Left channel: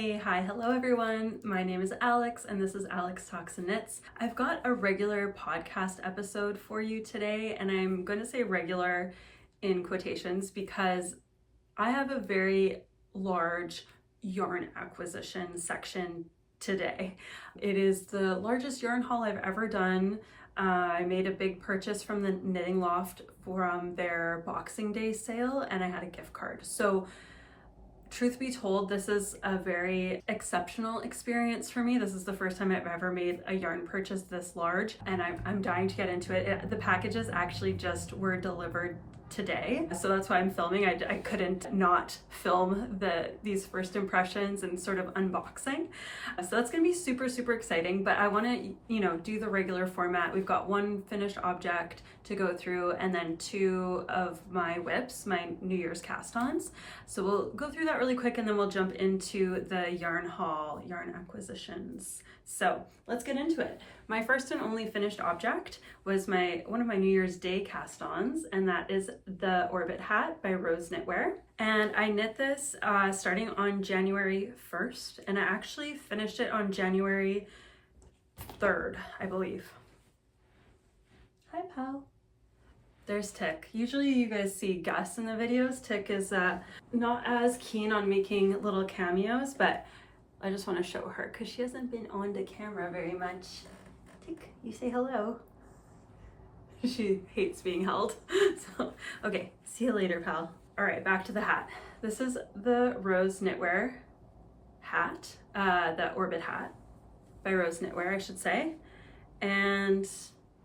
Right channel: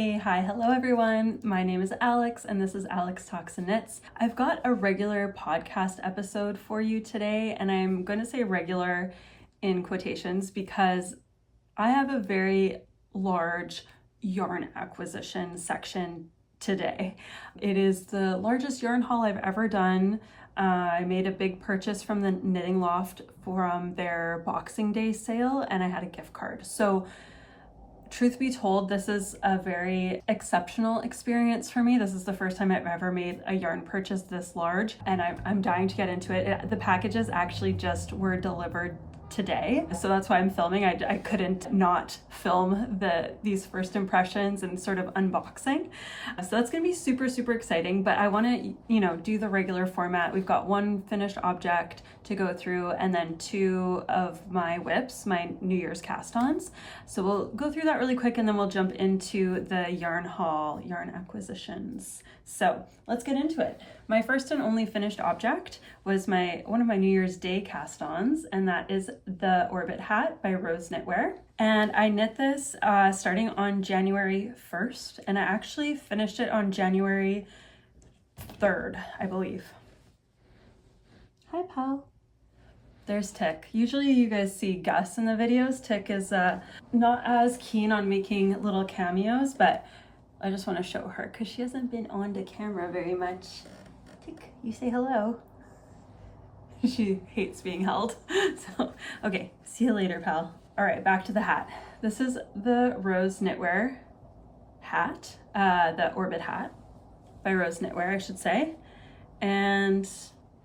Hi, hello everyone. My name is Alex and this is Alex Talks and Knits. I've got a regular podcast episode for you today, and I'm going to say regular in quotations because I have a very large yarn acquisition section today. It is the largest yarn haul I've ever done. I made a big purchase from the Knitting Loft from their Boxing Day sale, and I had a gift card. So truth be told, this is a very exceptional experience for me. This is the first time I've ever made a yarn purchase this large, and I'm dying to get into it. The packages actually just were delivered today, so that's why I'm filming. I couldn't not film these first impressions and sort of unboxing. So that's gonna be super exciting, but I want to do the regular format. We've got one finished object to go through and then two of my WIPS, my New Year's cast-ons. So we'll go through that really quick and then we'll jump into the yarn haul, yarn acquisitions. So let's get into it. My first and only finished object was one of my New Year's Day cast-ons, and that is the Orbit hat by Rose Knitwear. And I knit this starting on January 1st, and I actually finished it on January 3rd, I believe. Hi, pal. There's Tick. Usually you guys see Gus in the videos. Tick is not as keen on making little cameos, but I just want to show her because she hasn't been on the camera very much. Tick, you say hello. She hates being held. So, okay, see you later, pal. All right, back to the hat. This is the Rose Knitwear hat, the Orbit hat by Rose Knitwear, I should say. And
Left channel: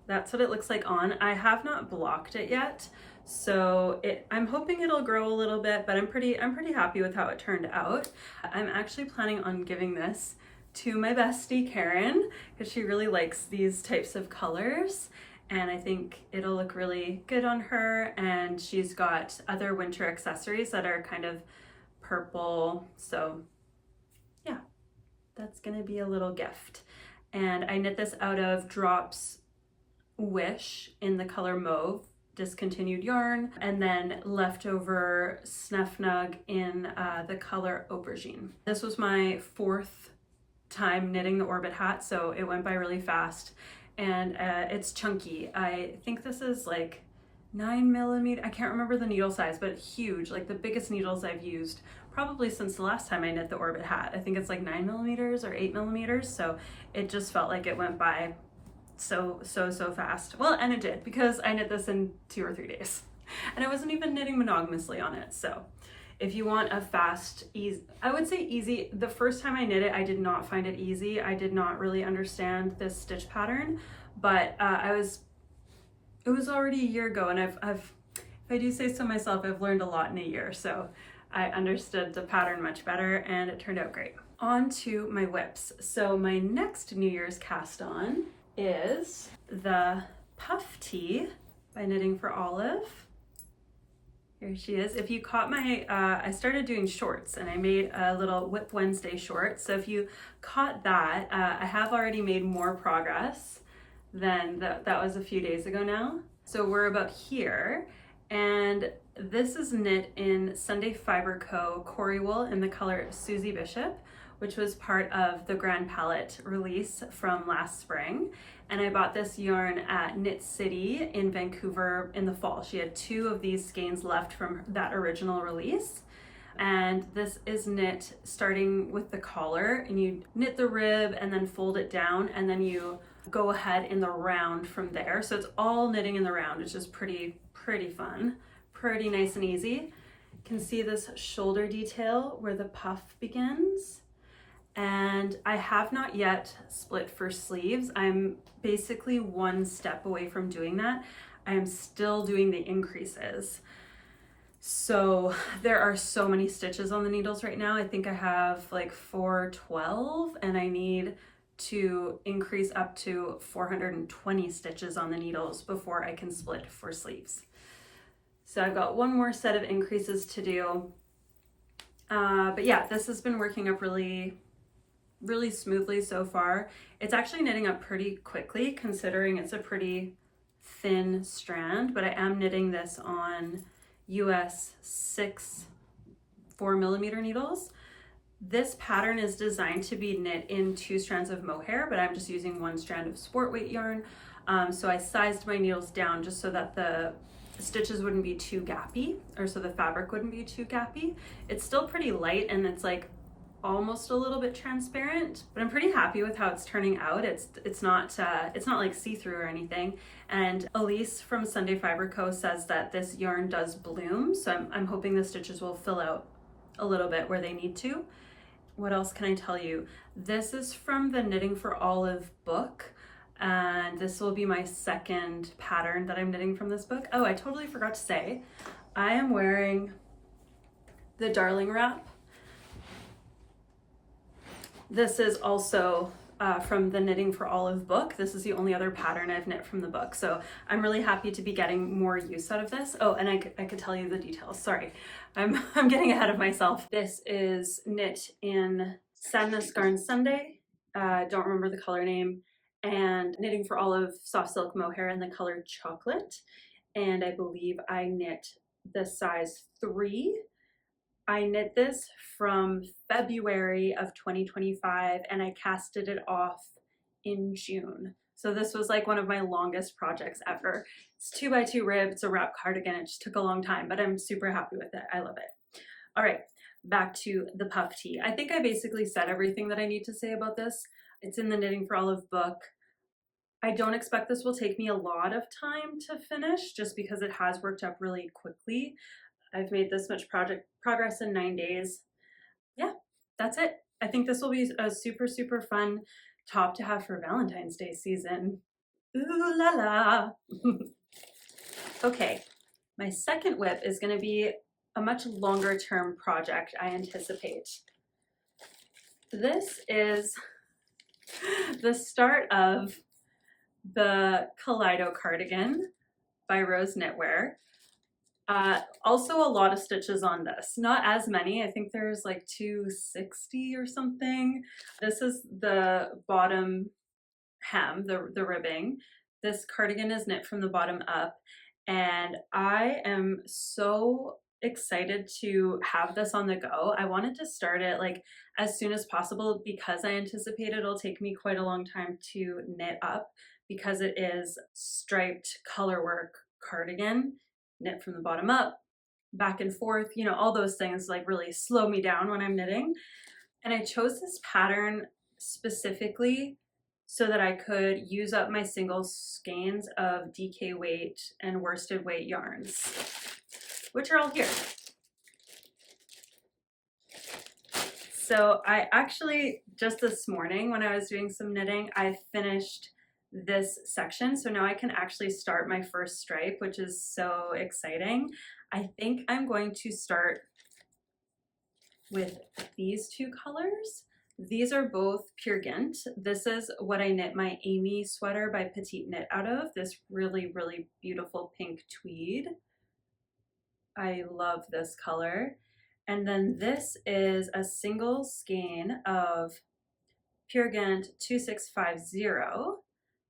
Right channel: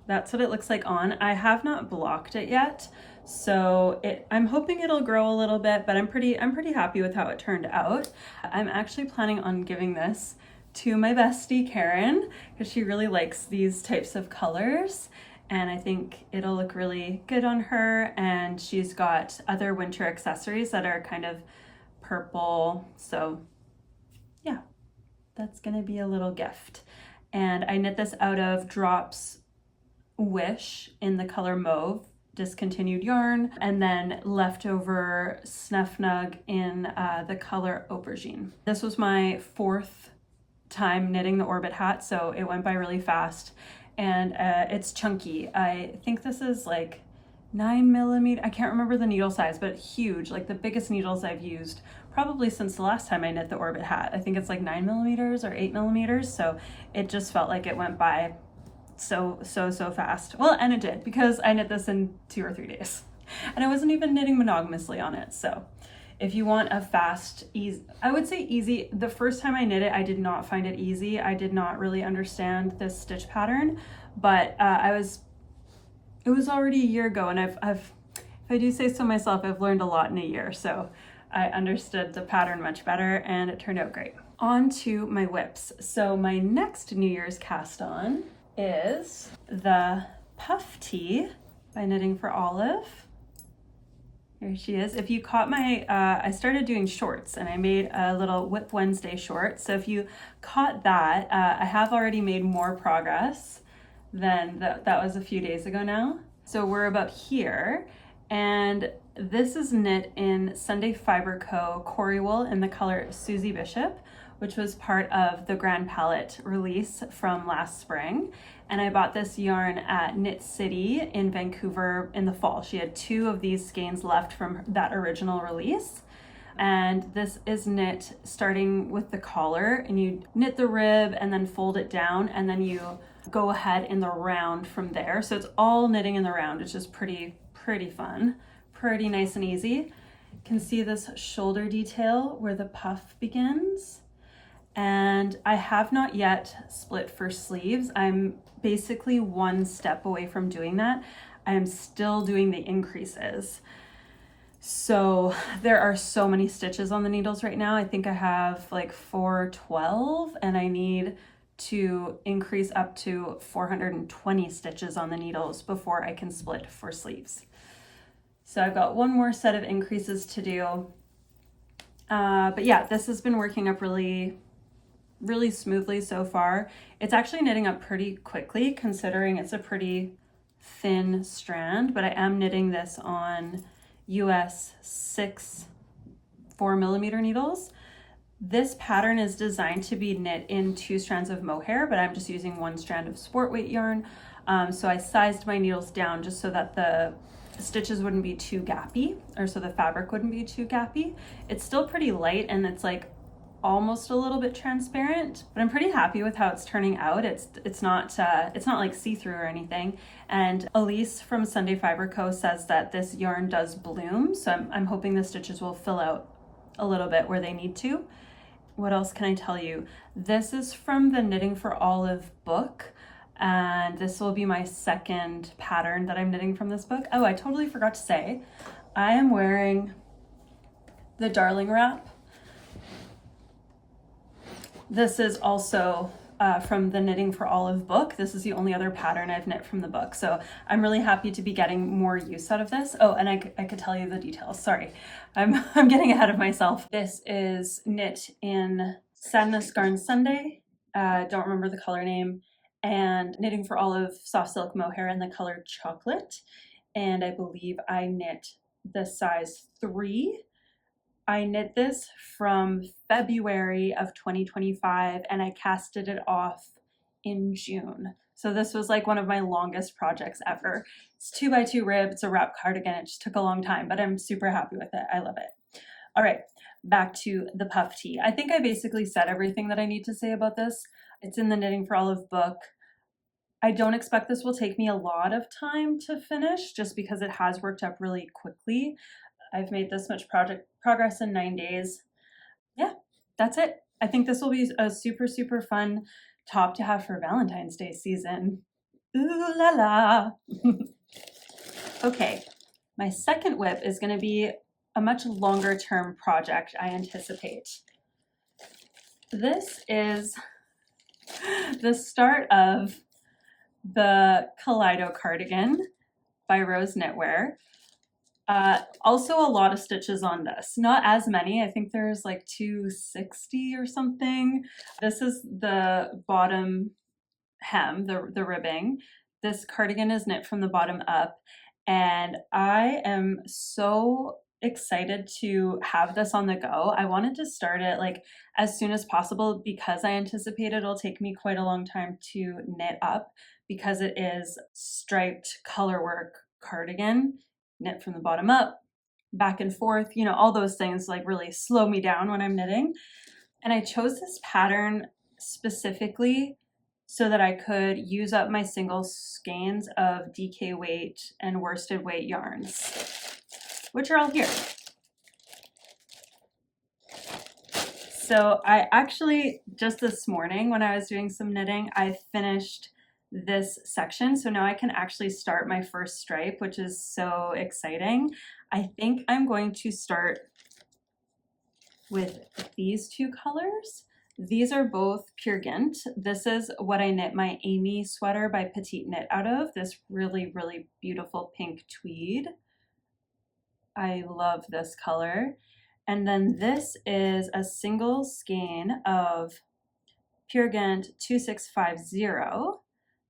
that's what it looks like on. I have not blocked it yet, so I'm hoping it'll grow a little bit, but I'm pretty happy with how it turned out. I'm actually planning on giving this to my bestie Karen because she really likes these types of colors, and I think it'll look really good on her. And she's got other winter accessories that are kind of purple, so yeah, that's gonna be a little gift. And I knit this out of Drops Wish in the color mauve, discontinued yarn, and then leftover Snufnug in the color aubergine. This was my fourth time knitting the Orbit hat, so it went by really fast, and it's chunky. I think this is like 9mm. I can't remember the needle size, but huge, like the biggest needles I've used probably since the last time I knit the Orbit hat. I think it's like 9mm or 8mm, so it just felt like it went by so fast. Well, and it did, because I knit this in 2 or 3 days, and I wasn't even knitting monogamously on it. So if you want a fast, easy, I would say easy. The first time I knit it, I did not find it easy. I did not really understand this stitch pattern, but it was already a year ago, and I've if I do say so myself, I've learned a lot in a year, so I understood the pattern much better and it turned out great. On to my WIPS. So my next New Year's cast on is the Puff Tee by Knitting for Olive. Here she is. If you caught my, I started doing shorts and I made a little Whip Wednesday short. So if you caught that, I have already made more progress than that was a few days ago now. So we're about here, and this is knit in Sunday Fiber Co. Cory Wool in the color Susie Bishop, which was part of the Grand Palette release from last spring. And I bought this yarn at Knit City in Vancouver in the fall. She had 2 of these skeins left from that original release. And this is knit starting with the collar, and you knit the rib and then fold it down, and then you go ahead in the round from there. So it's all knitting in the round, which is pretty fun, pretty nice and easy. You can see this shoulder detail where the puff begins. And I have not yet split for sleeves. I'm basically 1 step away from doing that. I am still doing the increases. So there are so many stitches on the needles right now. I think I have like 412, and I need to increase up to 420 stitches on the needles before I can split for sleeves. So I've got 1 more set of increases to do. But yeah, this has been working up really smoothly so far. It's actually knitting up pretty quickly considering it's a pretty thin strand, but I am knitting this on US 6 4mm needles. This pattern is designed to be knit in 2 strands of mohair, but I'm just using 1 strand of sport weight yarn. So I sized my needles down just so that the stitches wouldn't be too gappy, or so the fabric wouldn't be too gappy. It's still pretty light and it's like almost a little bit transparent, but I'm pretty happy with how it's turning out. It's not like see-through or anything. And Elise from Sunday Fiber Co says that this yarn does bloom, so I'm hoping the stitches will fill out a little bit where they need to. What else can I tell you? This is from the Knitting for Olive book, and this will be my 2nd pattern that I'm knitting from this book. Oh, I totally forgot to say, I am wearing the Darling wrap. This is also from the Knitting for Olive book. This is the only other pattern I've knit from the book, so I'm really happy to be getting more use out of this. Oh, and I could tell you the details. Sorry, I'm getting ahead of myself. This is knit in Sandnes Garn Sunday. Don't remember the color name. And Knitting for Olive soft silk mohair in the color chocolate. And I believe I knit the size 3. I knit this from February of 2025 and I casted it off in June. So this was like one of my longest projects ever. It's 2x2 rib, it's a wrap cardigan. It just took a long time, but I'm super happy with it. I love it. All right, back to the puff tee. I think I basically said everything that I need to say about this. It's in the Knitting for Olive book. I don't expect this will take me a lot of time to finish just because it has worked up really quickly. I've made this much progress in 9 days. Yeah, that's it. I think this will be a super, super fun top to have for Valentine's Day season. Ooh la la. Okay, my 2nd WIP is going to be a much longer term project, I anticipate. This is the start of the Kaleido Cardigan by Rose Knitwear. Also a lot of stitches on this, not as many. I think there's like 260 or something. This is the bottom hem, the ribbing. This cardigan is knit from the bottom up, and I am so excited to have this on the go. I wanted to start it like as soon as possible because I anticipate it'll take me quite a long time to knit up because it is striped colorwork cardigan, knit from the bottom up, back and forth, you know, all those things like really slow me down when I'm knitting. And I chose this pattern specifically so that I could use up my single skeins of DK weight and worsted weight yarns, which are all here. So I actually, just this morning when I was doing some knitting, I finished this section. So now I can actually start my first stripe, which is so exciting. I think I'm going to start with these 2 colors. These are both pure Gynt. This is what I knit my Amy sweater by Petite Knit out of, this really, really beautiful pink tweed. I love this color. And then this is a single skein of pure Gynt 2650.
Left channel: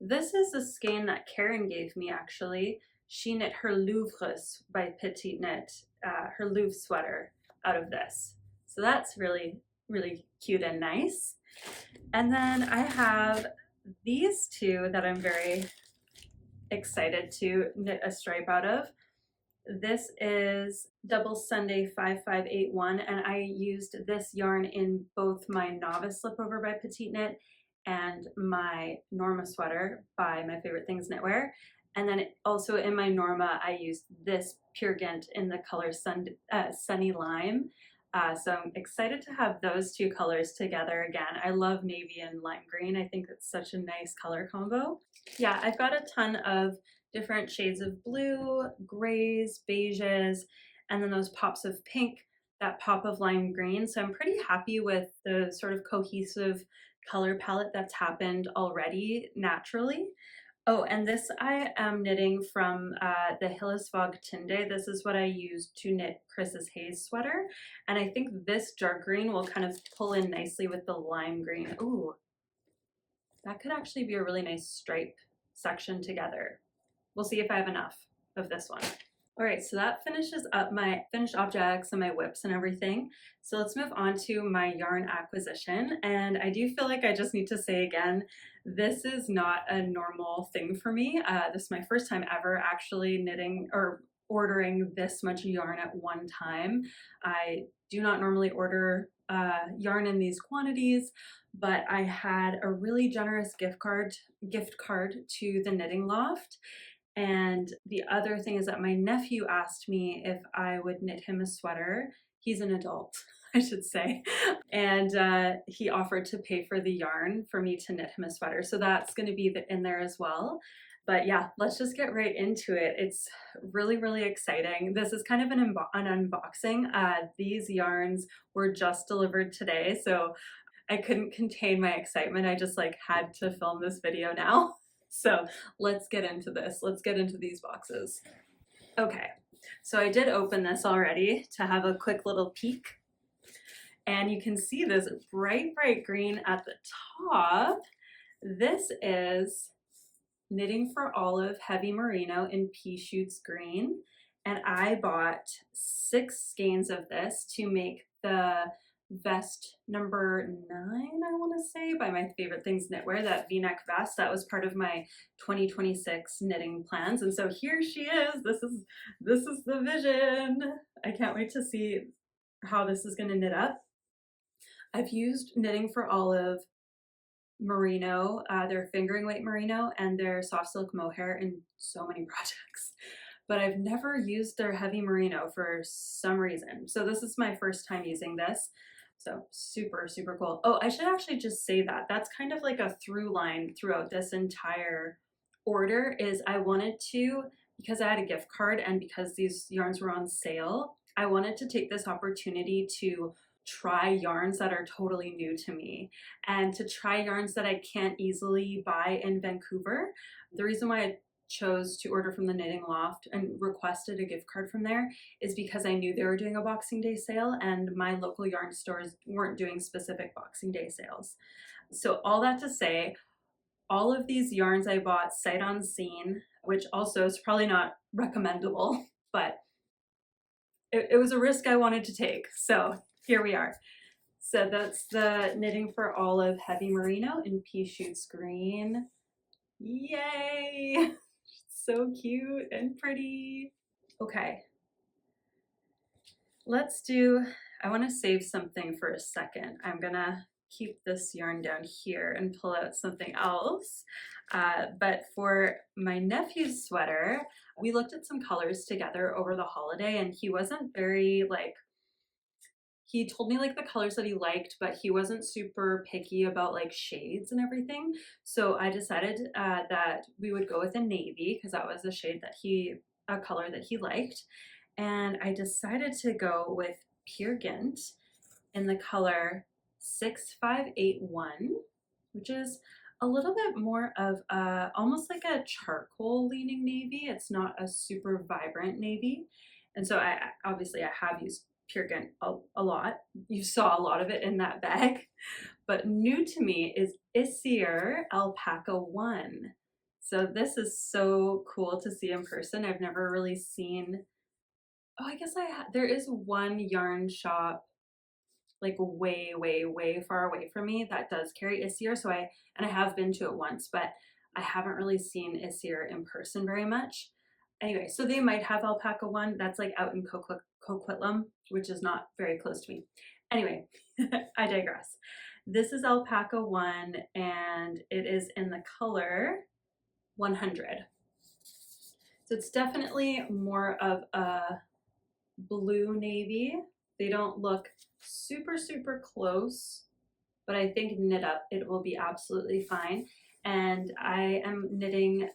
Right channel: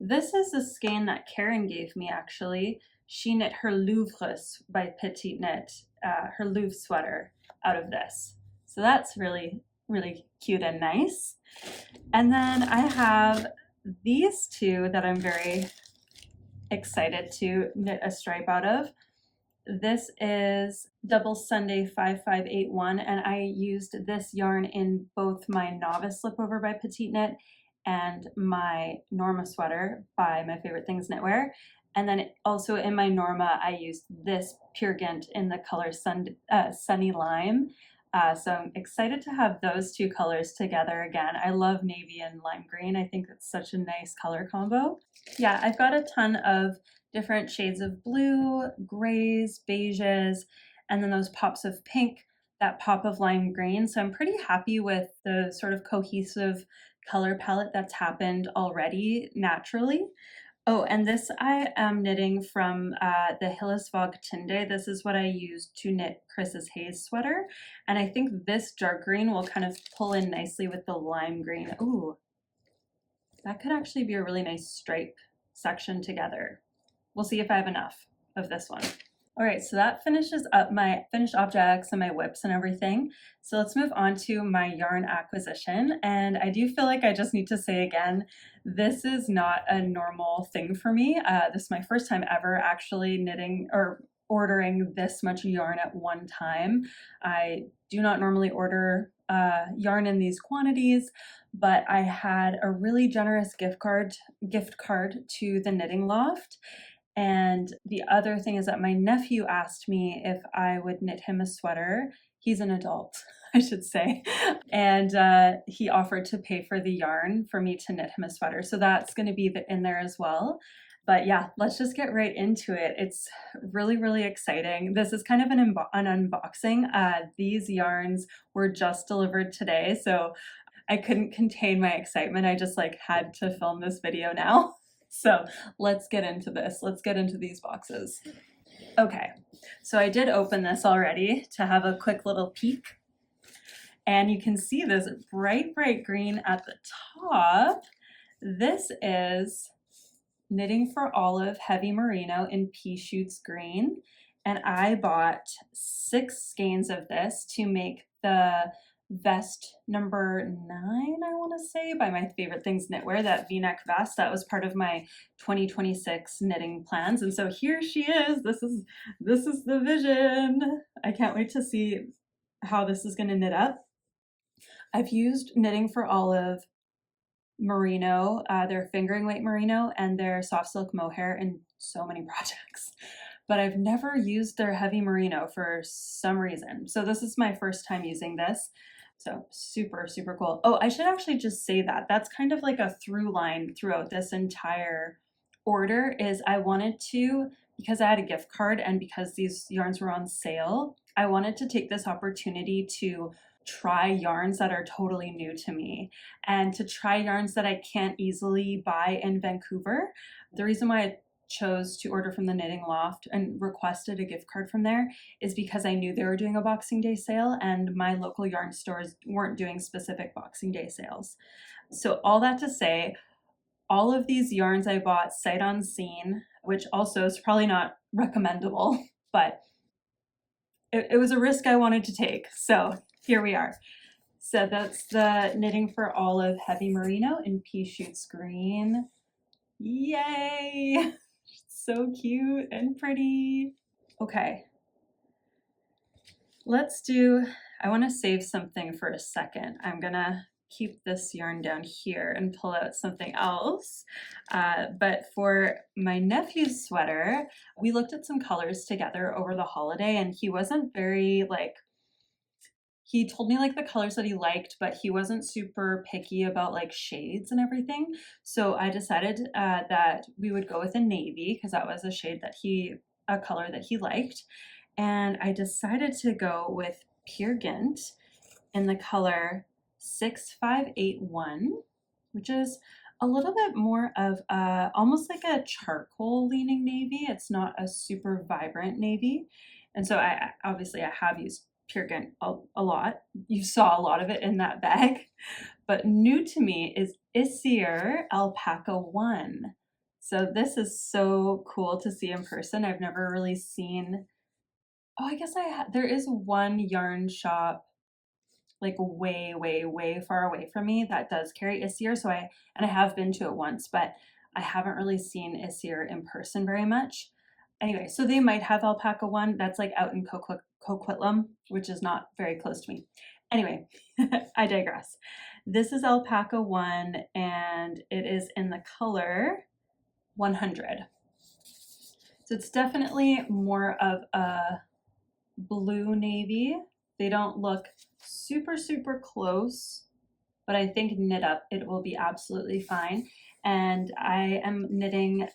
This is the skein that Karen gave me actually. She knit her Louvres by Petite Knit, her Louvre sweater out of this. So that's really, really cute and nice. And then I have these 2 that I'm very excited to knit a stripe out of. This is Double Sunday 5581, and I used this yarn in both my Novice Slipover by Petite Knit and my Norma sweater by My Favorite Things Knitwear. And then also in my Norma, I used this pure Gynt in the color Sunny Lime. So I'm excited to have those 2 colors together again. I love navy and lime green. I think it's such a nice color combo. Yeah, I've got a ton of different shades of blue, grays, beiges, and then those pops of pink, that pop of lime green. So I'm pretty happy with the sort of cohesive color palette that's happened already naturally. Oh, and this I am knitting from the Hillesvåg Tinde. This is what I used to knit Chris's Hayes sweater. And I think this dark green will kind of pull in nicely with the lime green. Ooh, that could actually be a really nice stripe section together. We'll see if I have enough of this one. All right, so that finishes up my finished objects and my WIPS and everything. So let's move on to my yarn acquisition. And I do feel like I just need to say again, this is not a normal thing for me. This is my first time ever actually knitting or ordering this much yarn at one time. I do not normally order yarn in these quantities, but I had a really generous gift card to the Knitting Loft. And the other thing is that my nephew asked me if I would knit him a sweater. He's an adult, I should say. And he offered to pay for the yarn for me to knit him a sweater. So that's going to be in there as well. But yeah, let's just get right into it. It's really, really exciting. This is kind of an unboxing. These yarns were just delivered today, so I couldn't contain my excitement. I just like had to film this video now. So let's get into this. Let's get into these boxes. Okay, so I did open this already to have a quick little peek. And you can see this bright, bright green at the top. This is Knitting for Olive Heavy Merino in Pea Shoots Green. And I bought 6 skeins of this to make the vest number 9, I want to say, by My Favorite Things Knitwear, that v-neck vest that was part of my 2026 knitting plans. And so here she is. This is the vision. I can't wait to see how this is going to knit up. I've used Knitting for Olive Merino, their fingering weight merino, and their soft silk mohair in so many projects, but I've never used their heavy merino for some reason. So this is my first time using this. So super, super cool. Oh, I should actually just say that that's kind of like a through line throughout this entire order is I wanted to, because I had a gift card and because these yarns were on sale, I wanted to take this opportunity to try yarns that are totally new to me and to try yarns that I can't easily buy in Vancouver. The reason why I chose to order from the Knitting Loft and requested a gift card from there is because I knew they were doing a Boxing Day sale and my local yarn stores weren't doing specific Boxing Day sales. So all that to say, all of these yarns I bought sight unseen, which also is probably not recommendable, but it was a risk I wanted to take. So here we are. So that's the Knitting for Olive Heavy Merino in Pea Shoots Green. Yay! So cute and pretty. Okay, I want to save something for a second. I'm gonna keep this yarn down here and pull out something else. But for my nephew's sweater, we looked at some colors together over the holiday and he wasn't very he told me like the colors that he liked, but he wasn't super picky about like shades and everything. So I decided that we would go with a navy because that was a color that he liked. And I decided to go with Pure Gynt in the color 6581, which is a little bit more of almost like a charcoal leaning navy. It's not a super vibrant navy. And so I have used Pure Gynt a lot. You saw a lot of it in that bag. But new to me is Isager Alpaca 1. So this is so cool to see in person. I've never really seen, I guess there is one yarn shop like way, way, way far away from me that does carry Isager. So I have been to it once, but I haven't really seen Isager in person very much. Anyway, so they might have Alpaca 1. That's like out in Coquitlam, which is not very close to me. Anyway, I digress. This is Alpaca 1 and it is in the color 100. So it's definitely more of a blue navy. They don't look super, super close, but I think knit up, it will be absolutely fine. And I am knitting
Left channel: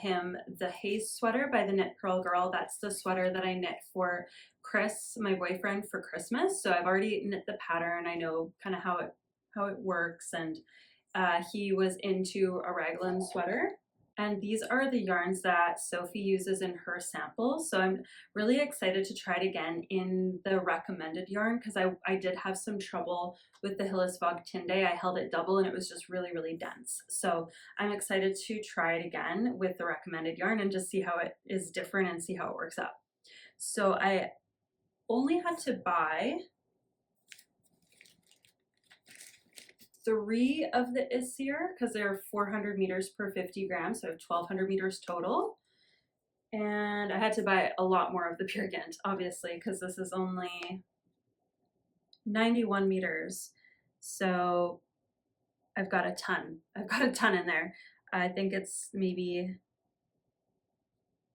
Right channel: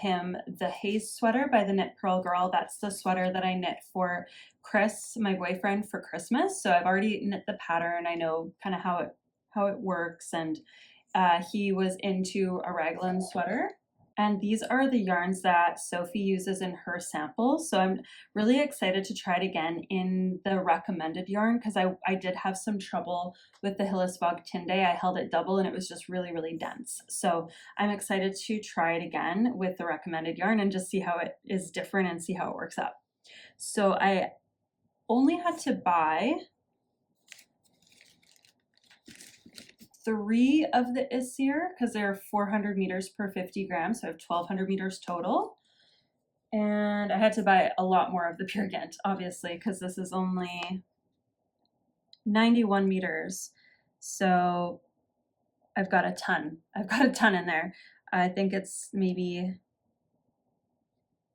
him the Haze sweater by the Knit Pearl Girl. That's the sweater that I knit for Chris, my boyfriend, for Christmas. So I've already knit the pattern. I know kind of how it works. And he was into a raglan sweater. And these are the yarns that Sophie uses in her samples. So I'm really excited to try it again in the recommended yarn because I did have some trouble with the Hillesvåg Tinde. I held it double and it was just really, really dense. So I'm excited to try it again with the recommended yarn and just see how it is different and see how it works out. So I only had to buy 3 of the Isager because they're 400 meters per 50 grams, so I have 1200 meters total. And I had to buy a lot more of the pure Gynt, obviously, because this is only 91 meters. So I've got a ton. I've got a ton in there. I think it's maybe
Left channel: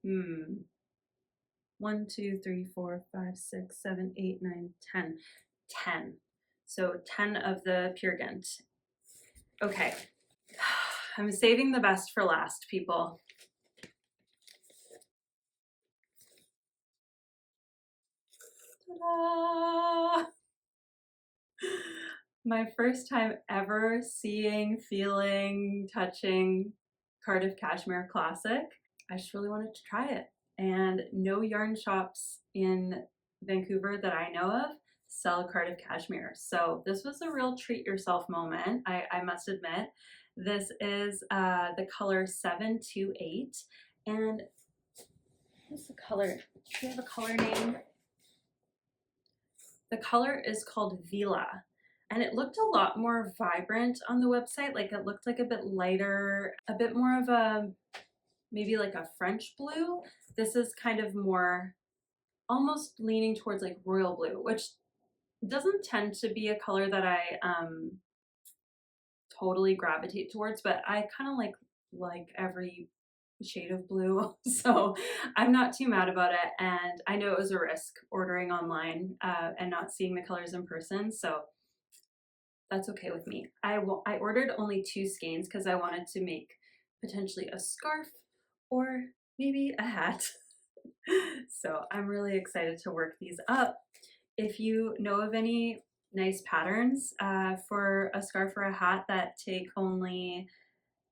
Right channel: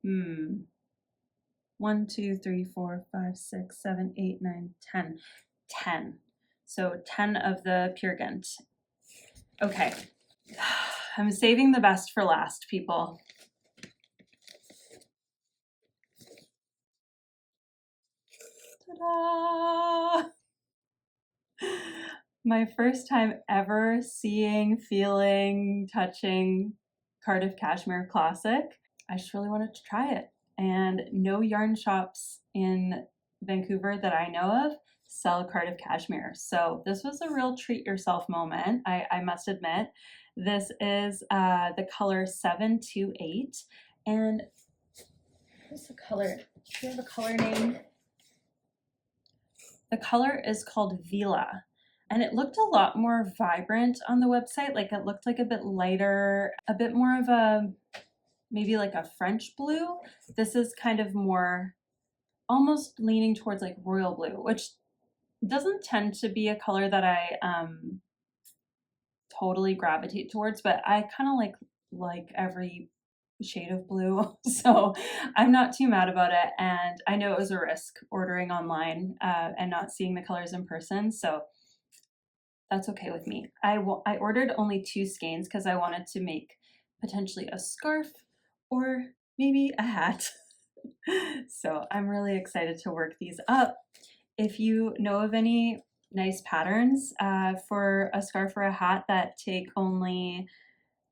1, 2, 3, 4, 5, 6, 7, 8, 9, 10. 10. So 10 of the pure Gynt. Okay, I'm saving the best for last, people. Ta-da! My first time ever seeing, feeling, touching Cardiff Cashmere Classic. I just really wanted to try it. And no yarn shops in Vancouver that I know of sell Cardiff Cashmere. So this was a real treat yourself moment, I must admit. This is the color 728. And what's the color? Do you have a color name? The color is called Vela. And it looked a lot more vibrant on the website. Like it looked like a bit lighter, a bit more of a, maybe like a French blue. This is kind of more almost leaning towards like royal blue, which doesn't tend to be a color that I totally gravitate towards, but I kind of like every shade of blue. So I'm not too mad about it. And I know it was a risk ordering online and not seeing the colors in person. So that's okay with me. I ordered only 2 skeins because I wanted to make potentially a scarf or maybe a hat. So I'm really excited to work these up. If you know of any nice patterns for a scarf or a hat that take only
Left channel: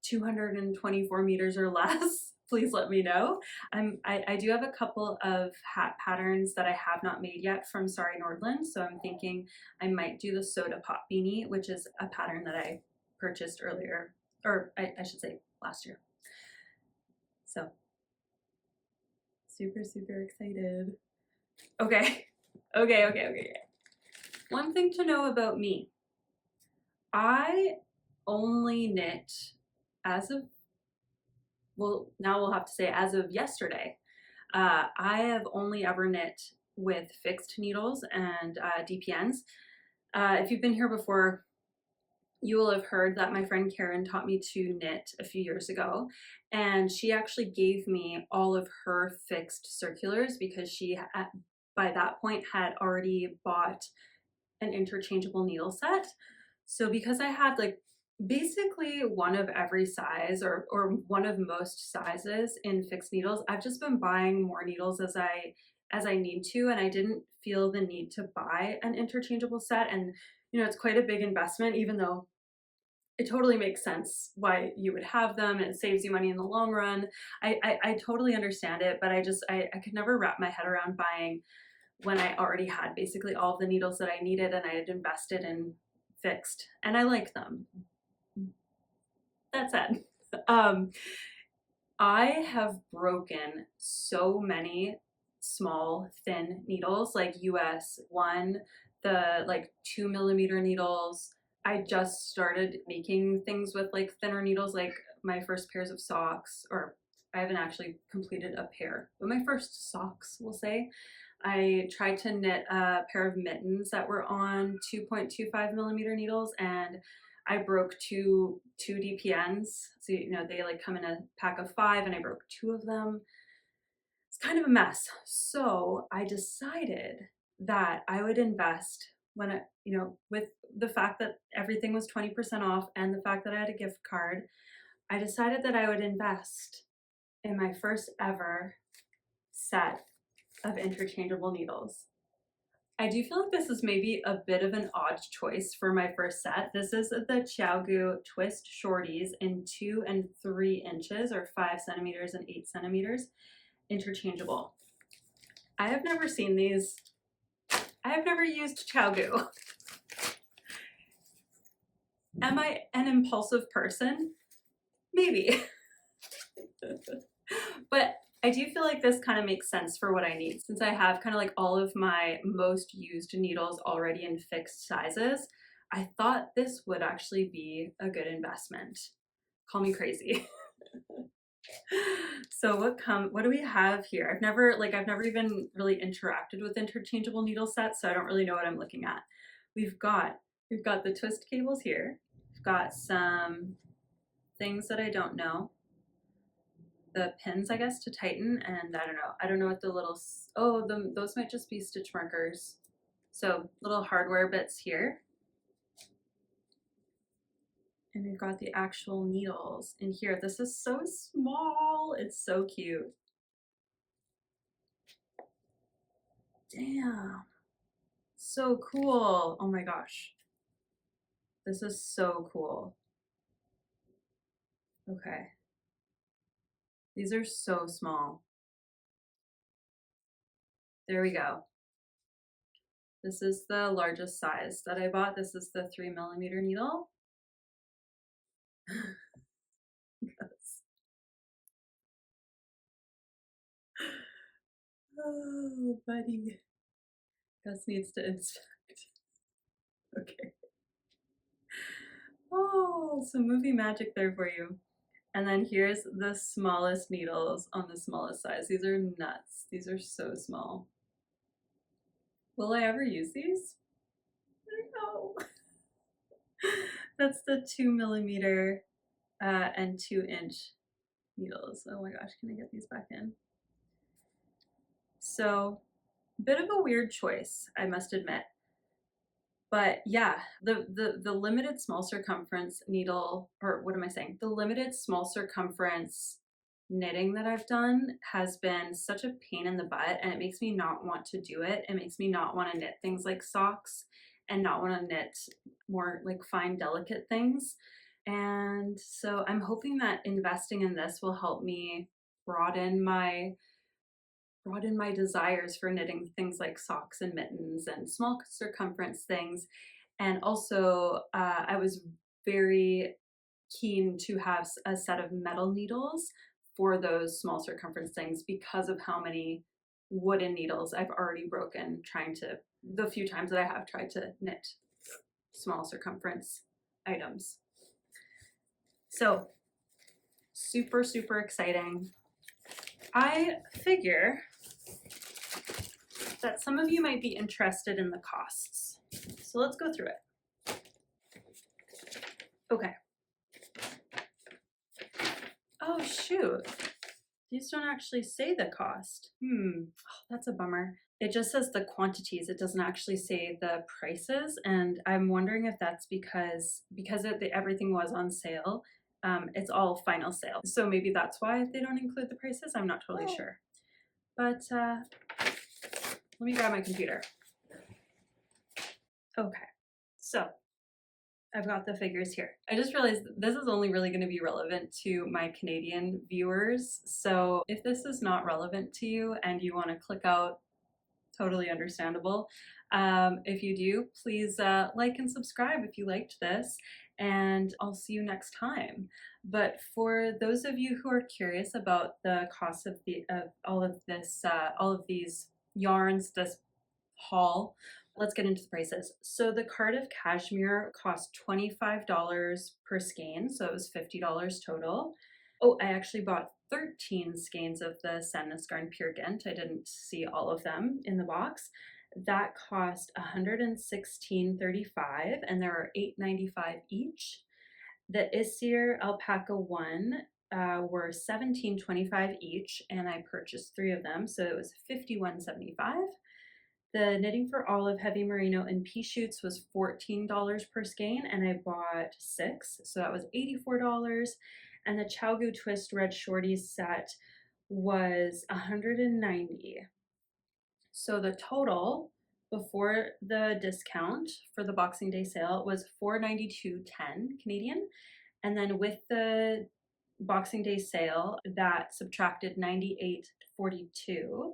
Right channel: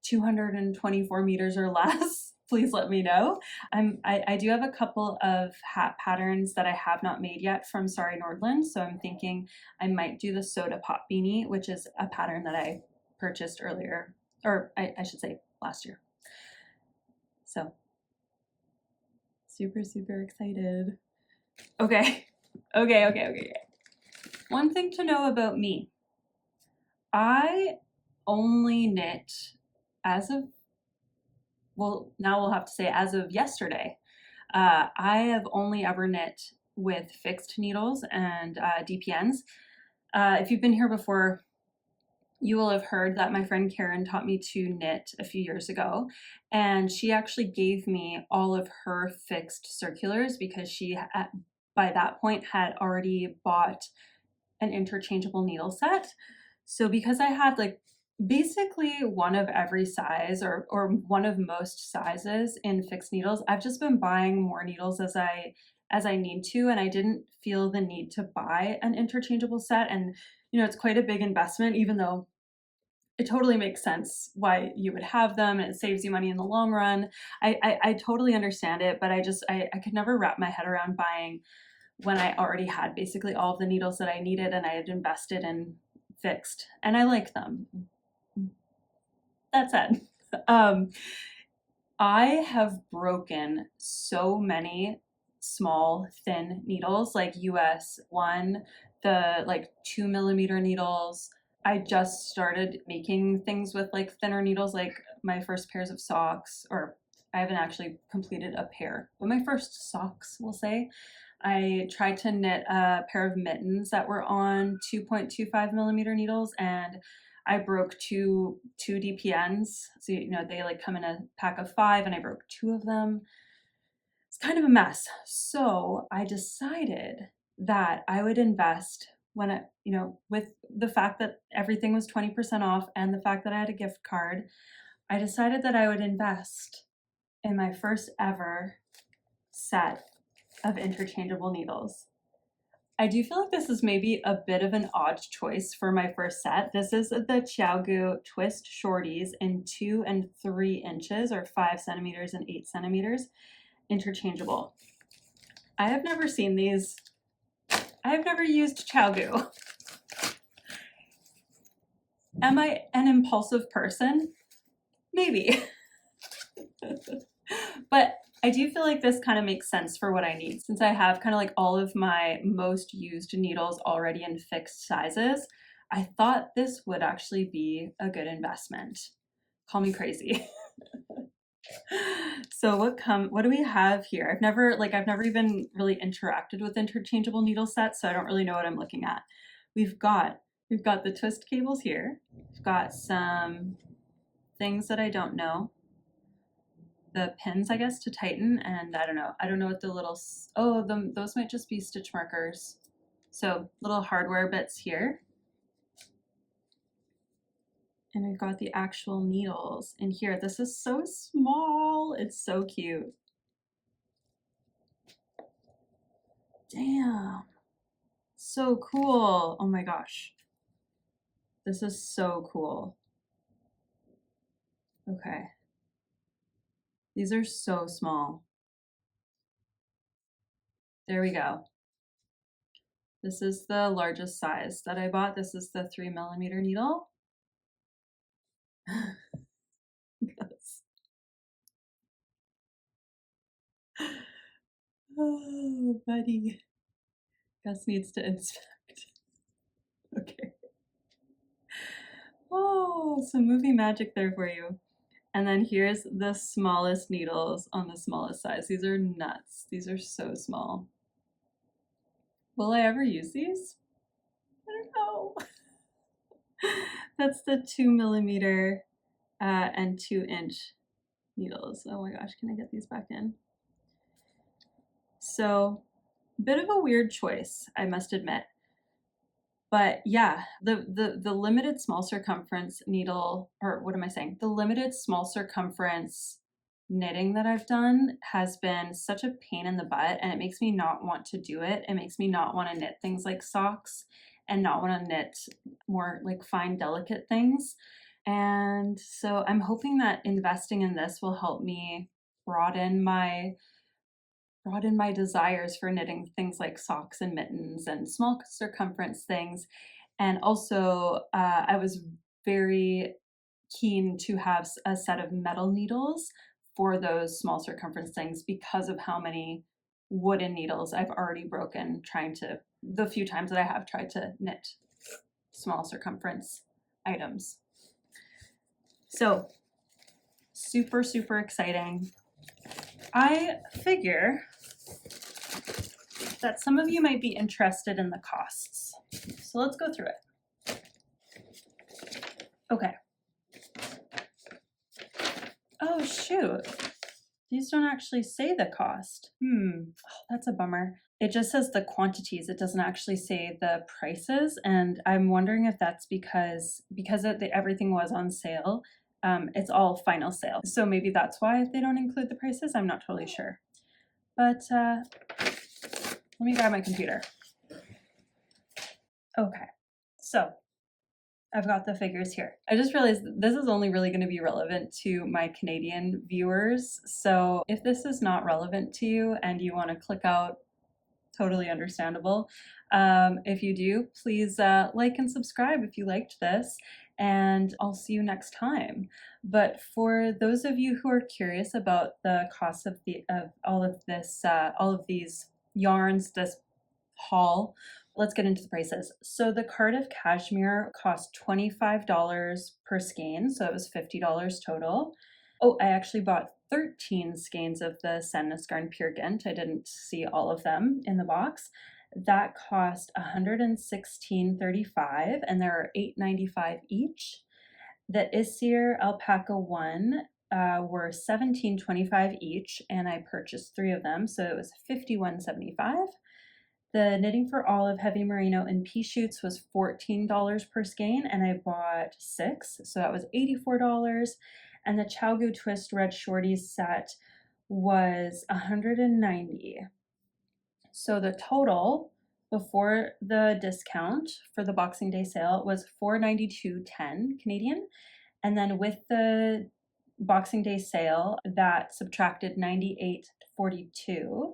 224 meters or less, please let me know. I do have a couple of hat patterns that I have not made yet from Sorry Nordland, so I'm thinking I might do the Soda Pop Beanie, which is a pattern that I purchased earlier, or I should say last year. So super, super excited. Okay. One thing to know about me, I only knit as of, well, now we'll have to say as of yesterday. I have only ever knit with fixed needles and DPNs. If you've been here before, you will have heard that my friend Karen taught me to knit a few years ago, and she actually gave me all of her fixed circulars because she, by that point, had already bought an interchangeable needle set. So because I had like basically one of every size or one of most sizes in fixed needles, I've just been buying more needles as I need to, and I didn't feel the need to buy an interchangeable set. And you know, it's quite a big investment, even though it totally makes sense why you would have them and it saves you money in the long run. I totally understand it, but I could never wrap my head around buying when I already had basically all of the needles that I needed and I had invested in fixed, and I like them. That said, I have broken so many small thin needles, like US 1, the like 2mm needles. I just started making things with like thinner needles, like my first pairs of socks, or I haven't actually completed a pair, but my first socks, we'll say. I tried to knit a pair of mittens that were on 2.25mm needles, and I broke two DPNs. So, you know, they like come in a pack of 5 and I broke 2 of them. It's kind of a mess. So I decided that I would invest when it, you know, with the fact that everything was 20% off and the fact that I had a gift card, I decided that I would invest in my first ever set of interchangeable needles. I do feel like this is maybe a bit of an odd choice for my first set. This is the Chiagoo Twist Shorties in 2 and 3 inches, or 5 centimeters and 8 centimeters, interchangeable. I have never seen these. I have never used Chiagoo. Am I an impulsive person? Maybe. But I do feel like this kind of makes sense for what I need, since I have kind of like all of my most used needles already in fixed sizes. I thought this would actually be a good investment. Call me crazy. So what do we have here? I've never even really interacted with interchangeable needle sets, so I don't really know what I'm looking at. We've got the twist cables here. We've got some things that I don't know. The pins, I guess, to tighten, and I don't know what the little, those might just be stitch markers. So little hardware bits here. And we've got the actual needles in here. This is so small. It's so cute. Damn. So cool. Oh my gosh. This is so cool. Okay. These are so small. There we go. This is the largest size that I bought. This is the 3mm needle. Yes. Oh, buddy. Gus needs to inspect. Okay. Oh, some movie magic there for you. And then here's the smallest needles on the smallest size. These are nuts. These are so small. Will I ever use these? I don't know. That's the 2mm and 2-inch needles. Oh my gosh, can I get these back in? So, bit of a weird choice, I must admit. But yeah, the limited small circumference needle, or what am I saying? The limited small circumference knitting that I've done has been such a pain in the butt, and it makes me not want to do it. It makes me not want to knit things like socks and not want to knit more like fine, delicate things. And so I'm hoping that investing in this will help me broaden my desires for knitting things like socks and mittens and small circumference things. And also, I was very keen to have a set of metal needles for those small circumference things because of how many wooden needles I've already broken the few times that I have tried to knit small circumference items. So super, super exciting. I figure that some of you might be interested in the costs. So let's go through it. Okay. Oh, shoot. These don't actually say the cost. Oh, that's a bummer. It just says the quantities. It doesn't actually say the prices. And I'm wondering if that's because everything was on sale. It's all final sale. So maybe that's why they don't include the prices. I'm not totally sure. But let me grab my computer. Okay, so I've got the figures here. I just realized this is only really going to be relevant to my Canadian viewers. So if this is not relevant to you and you want to click out, totally understandable. If you do, please like and subscribe if you liked this, and I'll see you next time. But for those of you who are curious about the cost of all of these yarns, this haul, let's get into the prices. So the Cardiff Cashmere cost $25 per skein, so it was $50 total. Oh, I actually bought 13 skeins of the Sandnes Garn Pure Gynt. I didn't see all of them in the box. That cost $116.35, and there are $8.95 each. The Isager Alpaca one were $17.25 each, and I purchased 3 of them, so it was $51.75. The Knitting for Olive Heavy Merino and pea shoots was $14 per skein, and I bought 6, so that was $84. And the Chiagoo Twist Red Shorties set was $190. So the total before the discount for the Boxing Day sale was $492.10 Canadian. And then with the Boxing Day sale, that subtracted $98.42.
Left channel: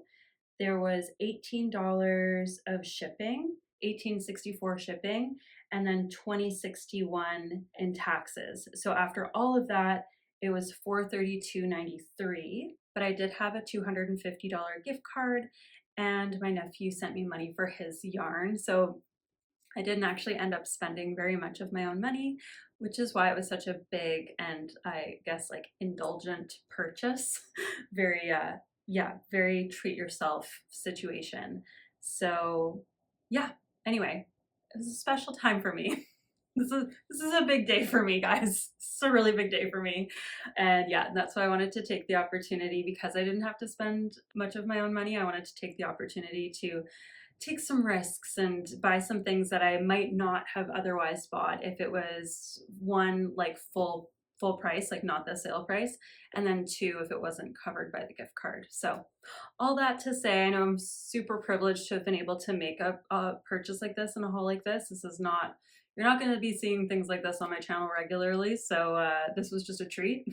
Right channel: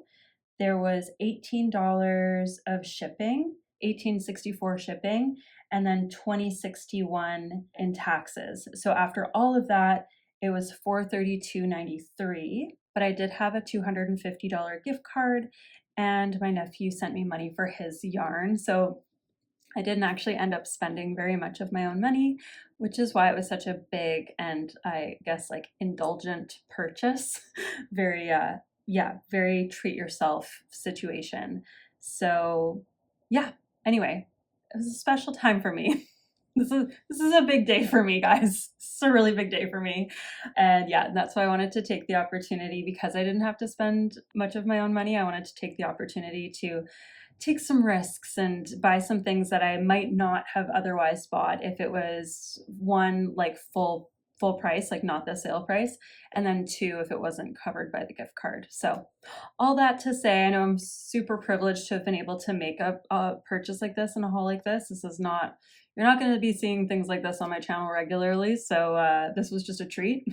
There was $18 of shipping, $18.64 shipping, and then $20.61 in taxes. So after all of that, it was $432.93. But I did have a $250 gift card, and my nephew sent me money for his yarn. So I didn't actually end up spending very much of my own money, which is why it was such a big and I guess like indulgent purchase. Very very treat yourself situation. So yeah, anyway, it was a special time for me. This is a big day for me, guys. This is a really big day for me. And yeah, that's why I wanted to take the opportunity, because I didn't have to spend much of my own money. I wanted to take the opportunity to take some risks and buy some things that I might not have otherwise bought if it was one, like full price, like not the sale price, and then two, if it wasn't covered by the gift card. So all that to say, I know I'm super privileged to have been able to make a purchase like this and a haul like this. This is not, you're not going to be seeing things like this on my channel regularly, so this was just a treat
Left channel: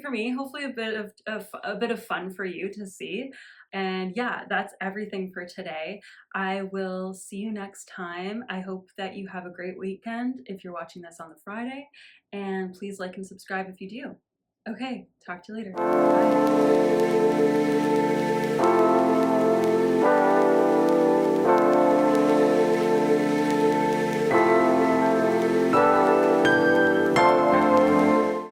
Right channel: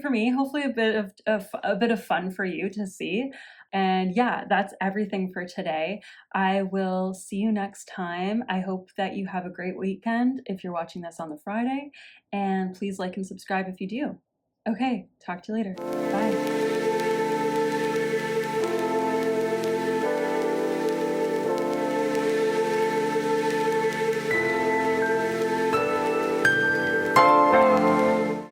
for me. Hopefully a bit of fun for you to see. And yeah, that's everything for today. I will see you next time. I hope that you have a great weekend if you're watching this on the Friday, and please like and subscribe if you do. Okay, talk to you later. Bye.